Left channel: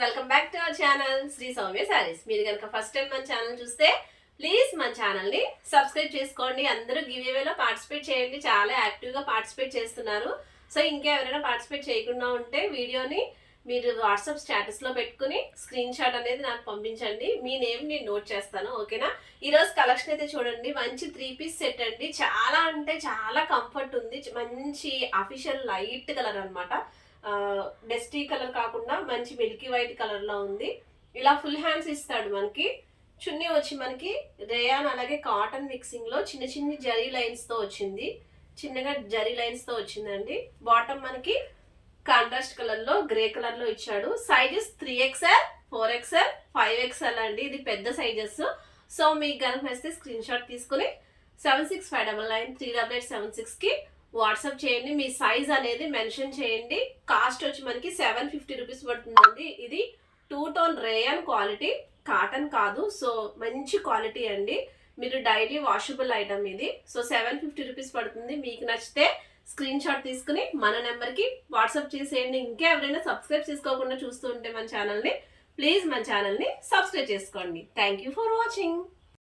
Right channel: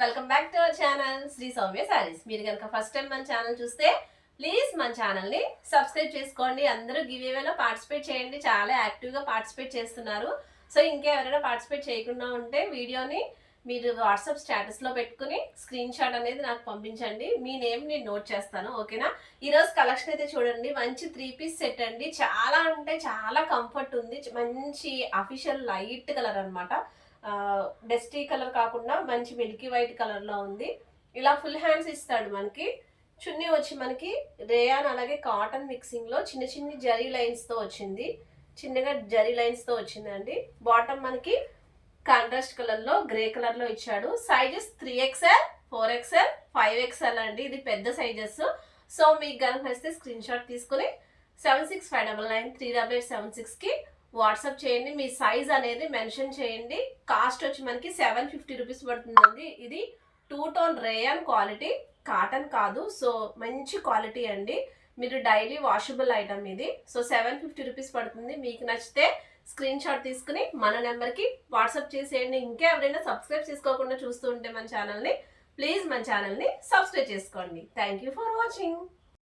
Welcome back to our channel Sri Soumya sarees. మీరు కనుక first time మన ఛానల్ చూస్తే ప్లీజ్ మన ఛానల్ని సబ్స్క్రైబ్ చేసుకోండి. అందరూ గివ్ అవేలో పార్టిసిపేట్ చేయండి. చాలా యాక్టివ్గా పార్టిసిపేట్ చేస్తున్నారు. సో ఇంకా ఎవరైనా పార్టిసిపేట్ చేయకుండా ఉంటే వీడియోని మీరు వాట్సాప్ స్టేటస్లో పెట్టుకుని స్క్రీన్ షాట్ అనేది నాకు పంపించండి. మీ నేమ్ నేను నోట్ చేస్తాను, ఓకేనా? ఈరోజు కలెక్షన్ అయితే చూడండి, మంచి 3 పీస్ సెట్ అండి. చాలా అంటే చాలా కంఫర్ట్ ఉంది. మంచి అఫీషియల్ లైట్ కలర్ అనమాట. డస్టీ కలర్ కాకుండా మంచి మిల్కీ వైట్ కలర్లో ఉంది. ఇలా ఫుల్ హ్యాండ్స్ ఇస్తాడు మనకి. చున్నీ వచ్చి మనకి రేయాన్ అలాగే కాటన్ మిక్సింగ్లో చిన్న చిన్న జరీ లైన్స్తో వచ్చింది. చిన్నగా జరీ లైన్స్తో వచ్చిందండి. బాటమ్ మనకి కాంట్రాస్ట్ కలర్లో గ్రే కలర్లో ఇచ్చాడు. సైజెస్ 3XL, 4XL, 5XL అండి. ఇది పెద్ద సైజెస్. సో మీకు కనుక నచ్చితే స్క్రీన్ షాట్ తీసుకుని 7659938876కి వాట్సాప్ చేయండి. మీ సైజ్ అనేది మెన్షన్ చేయండి. కాస్ట్ వచ్చి మనకి 750 రూపీస్ పడుతుందండి. ఇది 2 టోన్ రేయాన్ క్వాలిటీ, కాటన్ కాదు. సో మంచి క్వాలిటీ అండి. మీరు డైలీ వాషబుల్ ఐటమ్ ఇది. సో 750 రూపీస్ పడుతుంది. మీకు నచ్చితే స్క్రీన్ షాట్ తీసుకుని మన నెంబర్కి వాట్సాప్ చేసేయండి. ఇంకా ఎవరైనా సబ్స్క్రైబ్ చేసుకోకుండా చూస్తూ ఉంటే మన ఛానల్ని ప్లీజ్ మన ఛానల్ని సబ్స్క్రైబ్ చేసుకోండి. Thank you for watching.